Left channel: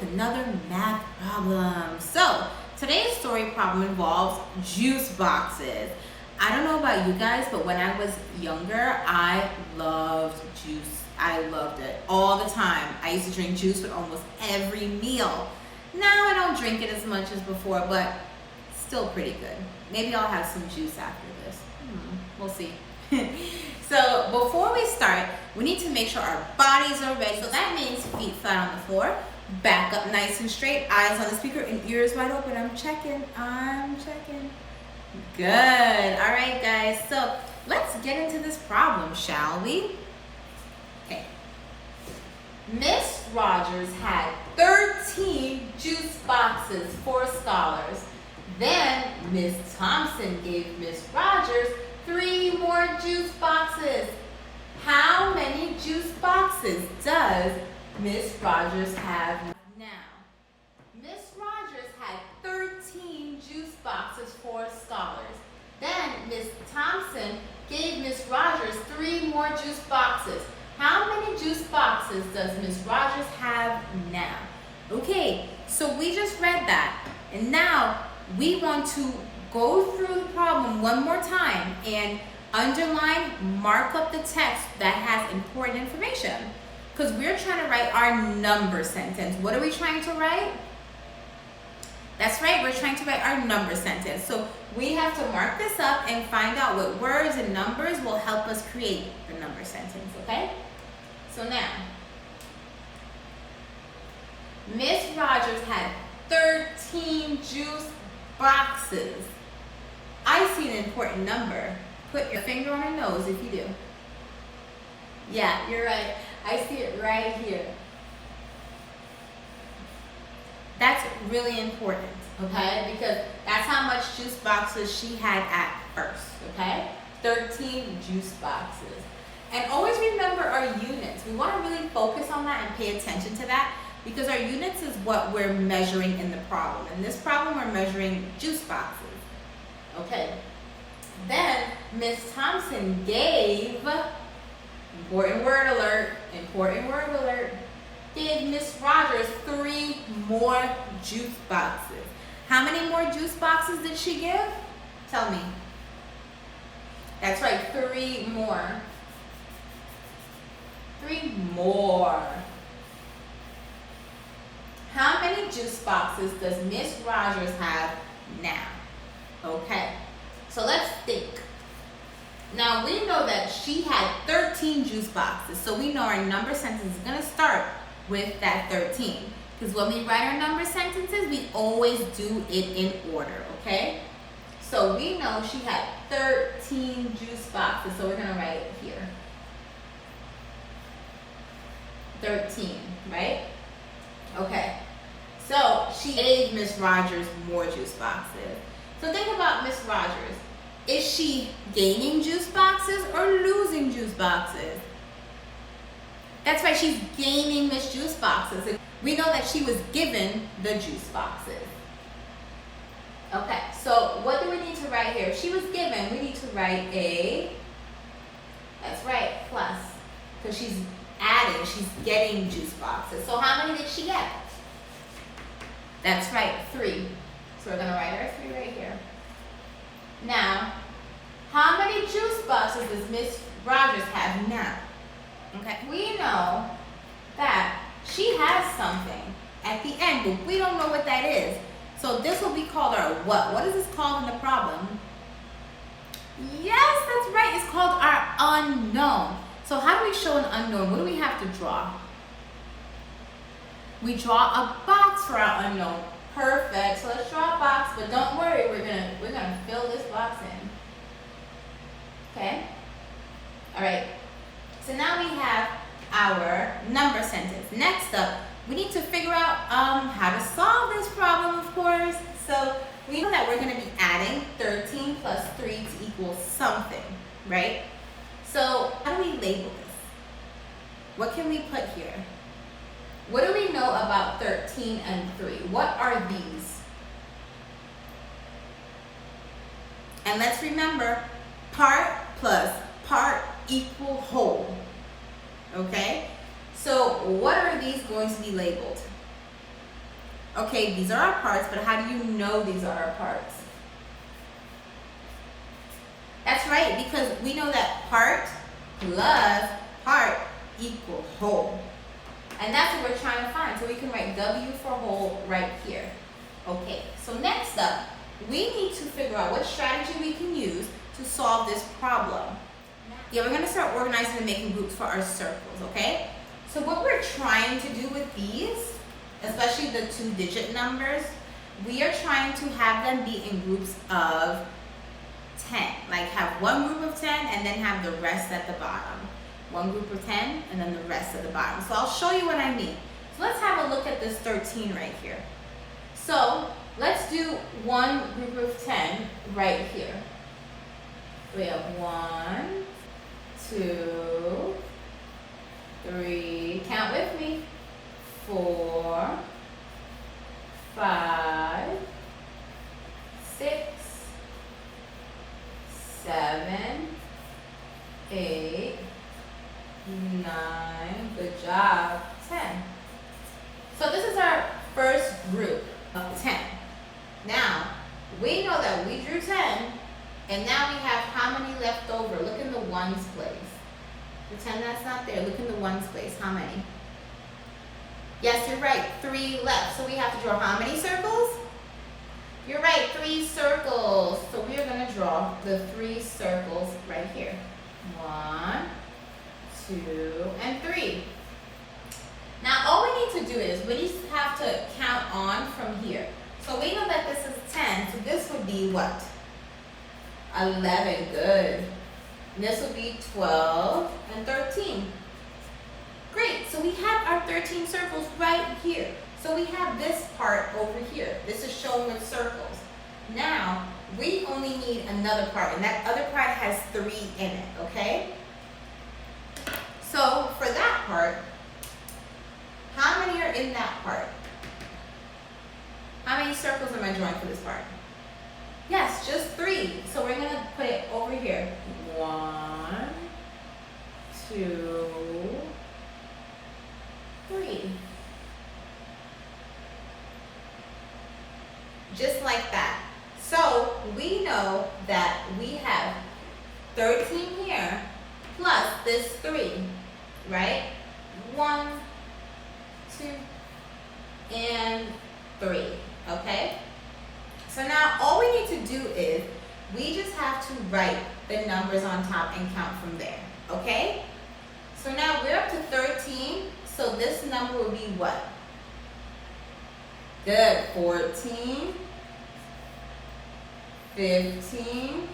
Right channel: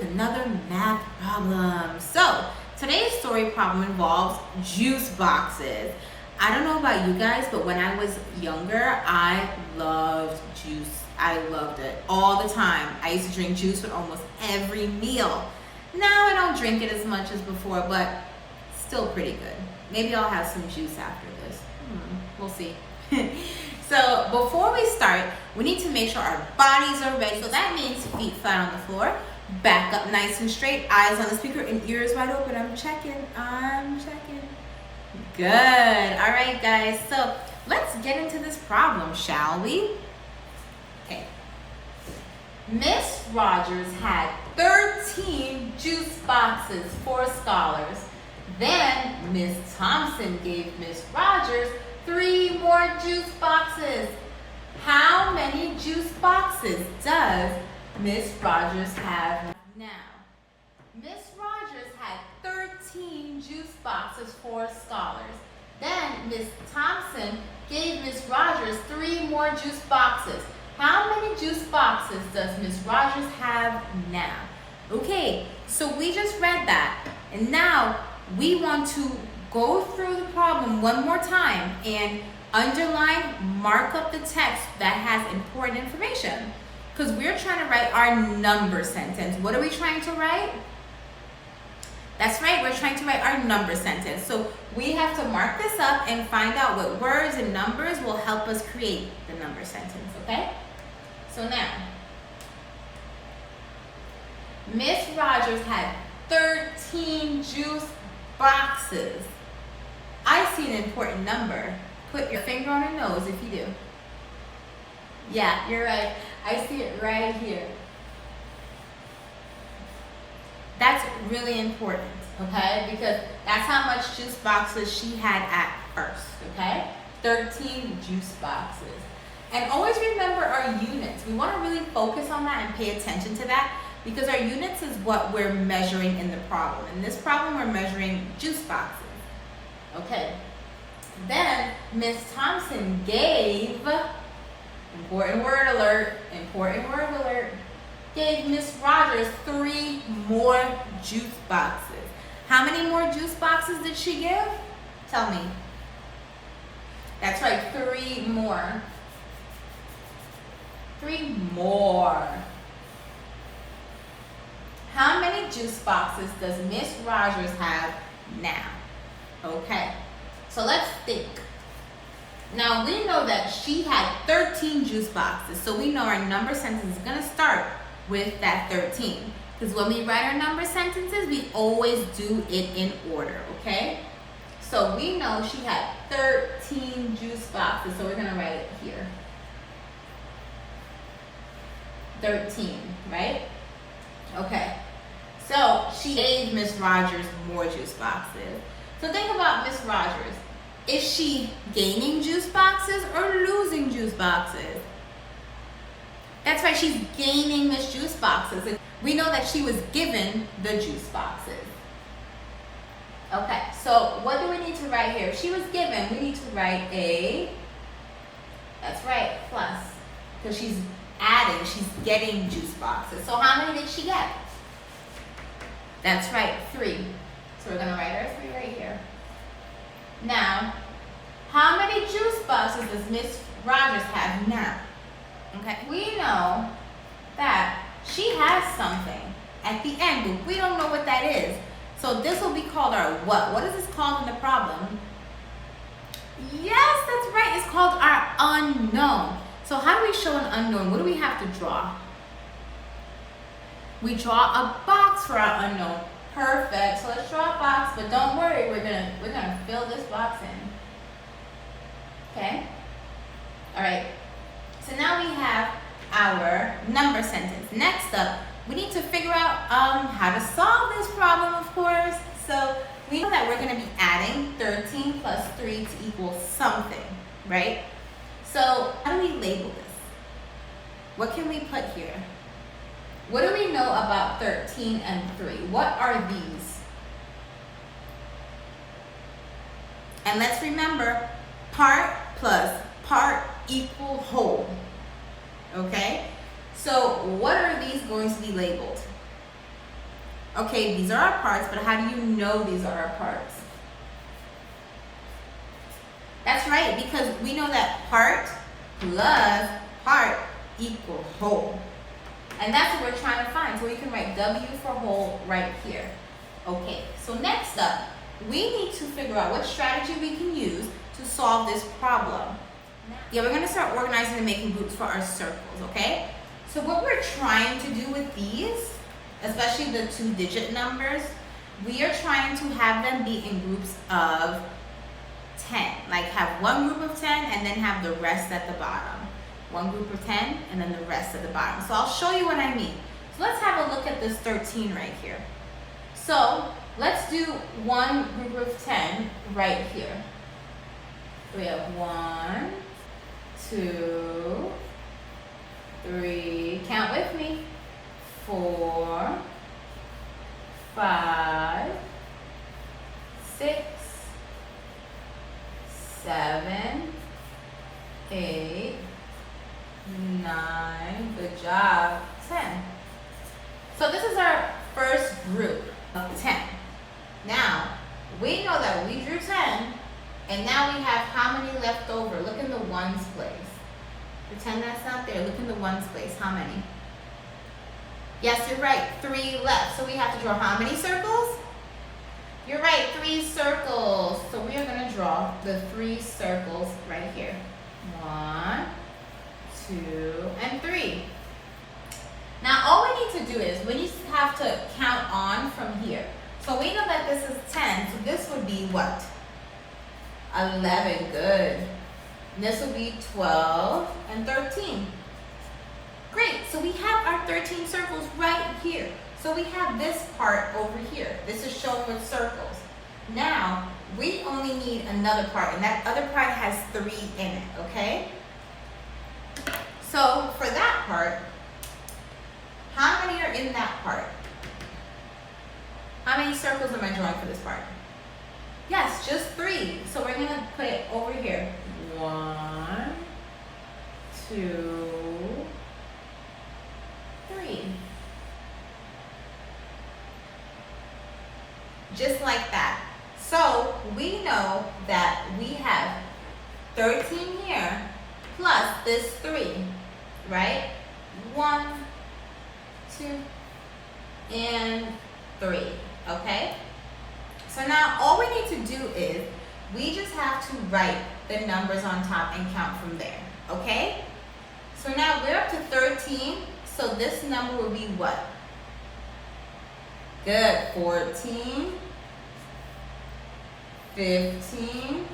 with another math problem. So today's story problem involves juice boxes. I don't know about you guys, but when I was younger, I loved juice. I loved it all the time. I used to drink juice with almost every meal. Now I don't drink it as much as before, but still pretty good. Maybe I'll have some juice after this. We'll see. So before we start, we need to make sure our bodies are ready. So that means feet flat on the floor, back up nice and straight, eyes on the speaker, and ears wide open. I'm checking. Good. All right, guys. So let's get into this problem, shall we? Okay. Miss Rogers had 13 juice boxes for scholars. Then Miss Thompson gave Miss Rogers 3 more juice boxes. How many juice boxes does Miss Rogers have now? Miss Rogers had 13 juice boxes for scholars. Then Miss Thompson gave Miss Rogers 3 more juice boxes. How many juice boxes does Miss Rogers have now? Okay, so we just read that, and now we want to go through the problem one more time and underline, mark up the text that has important information, because we're trying to write our number sentence. What are we trying to write? That's right, we're trying to write our number sentence. So we have to mark this up and find out what words and numbers will help us create the number sentence, okay? So now, Miss Rogers had 13 juice boxes. I see an important number. Put your finger on your nose if you do. Yeah, you're right. I see it right here. That's really important, okay? Because that's how much juice boxes she had at first, okay? 13 juice boxes. And always remember our units. We want to really focus on that and pay attention to that, because our units is what we're measuring in the problem. In this problem, we're measuring juice boxes. Okay. Then Miss Thompson gave, important word alert, gave Miss Rogers 3 more juice boxes. How many more juice boxes did she give? Tell me. That's right, 3 more. 3 more. How many juice boxes does Miss Rogers have now? Okay, so let's think. Now we know that she had 13 juice boxes, so we know our number sentence is gonna start with that 13. Because when we write our number sentences, we always do it in order, okay? So we know she had 13 juice boxes, so we're gonna write it here. 13, right? Okay, so she gave Miss Rogers more juice boxes. So think about Miss Rogers. Is she gaining juice boxes or losing juice boxes? That's right, she's gaining Miss Juice boxes. And we know that she was given the juice boxes. Okay, so what do we need to write here? If she was given, we need to write a, that's right, plus. Because she's adding, she's getting juice boxes. So how many did she get? That's right, 3. So we're gonna write our 3 right here. Now, how many juice boxes does Miss Rogers have now? Okay, we know that she has something at the end, but we don't know what that is. So this will be called our what? What is this called in the problem? Yes, that's right, it's called our unknown. So how do we show an unknown? What do we have to draw? We draw a box for our unknown. Perfect. So let's draw a box, but don't worry, we're gonna fill this box in. Okay? Alright. So now we have our number sentence. Next up, we need to figure out how to solve this problem, of course. So we know that we're gonna be adding 13 plus 3 to equal something, right? So how do we label this? What can we put here? What do we know about 13 and 3? What are these? And let's remember, part plus part equal whole. Okay? So what are these going to be labeled? Okay, these are our parts, but how do you know these are our parts? That's right, because we know that part plus part equal whole. And that's what we're trying to find. So we can write W for whole right here. Okay, so next up, we need to figure out what strategy we can use to solve this problem. Yeah, we're going to start organizing and making groups for our circles, okay? So what we're trying to do with these, especially the 2-digit numbers, we are trying to have them be in groups of 10. Like have one group of 10 and then have the rest at the bottom. One group of 10 and then the rest at the bottom. So I'll show you what I mean. So let's have a look at this 13 right here. So let's do one group of 10 right here. We have 1, 2, 3, count with me, 4, 5, 6, 7, 8, 9, good job, 10. So this is our first group of 10. Now, we know that we drew 10, and now we have how many left over? Look in the ones place. Pretend that's not there. Look in the ones place. How many? Yes, you're right. 3 left. So we have to draw how many circles? You're right, 3 circles. So we are going to draw the 3 circles right here. 1, 2, and 3. Now all we need to do is we just have to count on from here. So we know that this is 10, so this would be what? 11, good. And this would be 12 and 13. Great, so we have our 13 circles right here. So we have this part over here. This is shown with circles. Now, we only need another part, and that other part has 3 in it, okay? So for that part, how many are in that part? How many circles am I drawing for this part? Yes, just 3. So we're going to put it over here. 1, 2, 3. Just like that. So we know that we have 13 here plus this 3, right? 1, 2, and 3, okay? So now all we need to do is we just have to write the numbers on top and count from there, okay? So now we're up to 13, so this number will be what? Good, 14, 15,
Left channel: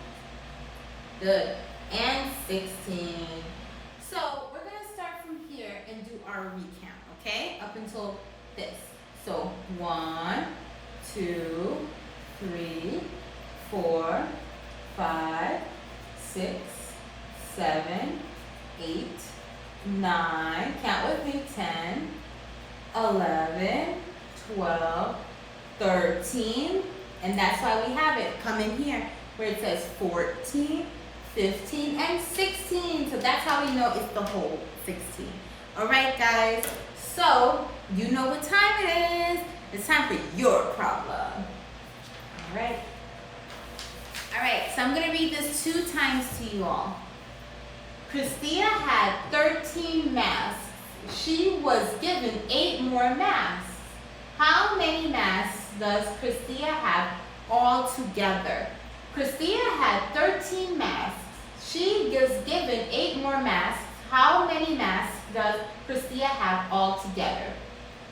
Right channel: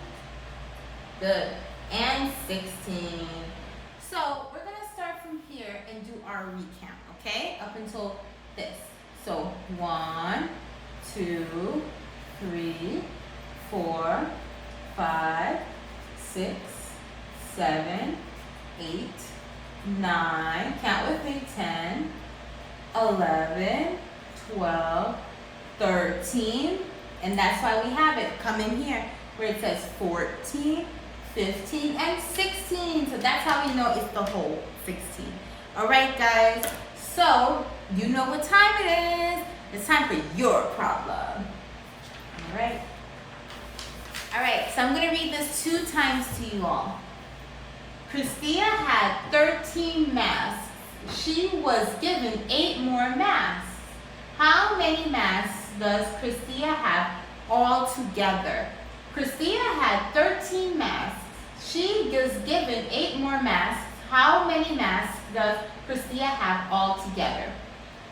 good, and 16. So we're gonna start from here and do our recount, okay? Up until this. So 1, 2, 3, 4, 5, 6, 7, 8, 9, count with me, 10, 11, 12, 13, and that's why we have it come in here where it says 14, 15, and 16. So that's how we know it's the whole 16. All right, guys. So you know what time it is. It's time for your problem. All right. All right, so I'm going to read this 2 times to you all. Christia had 13 masks. She was given 8 more masks. How many masks does Christia have all together? Christia had 13 masks. She was given 8 more masks. How many masks does Christia have all together?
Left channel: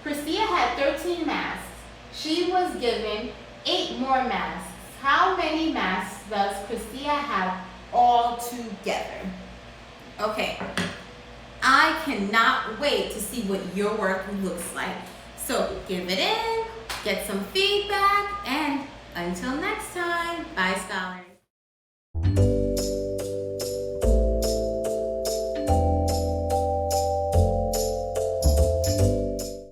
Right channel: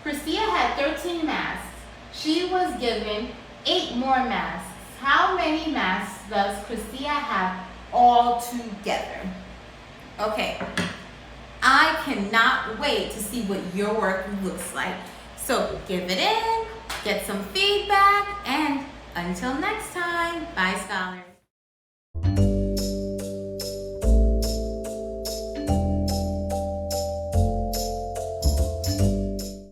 Christia had 13 masks. She was given 8 more masks. How many masks does Christia have all together? Okay, I cannot wait to see what your work looks like. So give it in, get some feedback, and until next time, bye, scholars.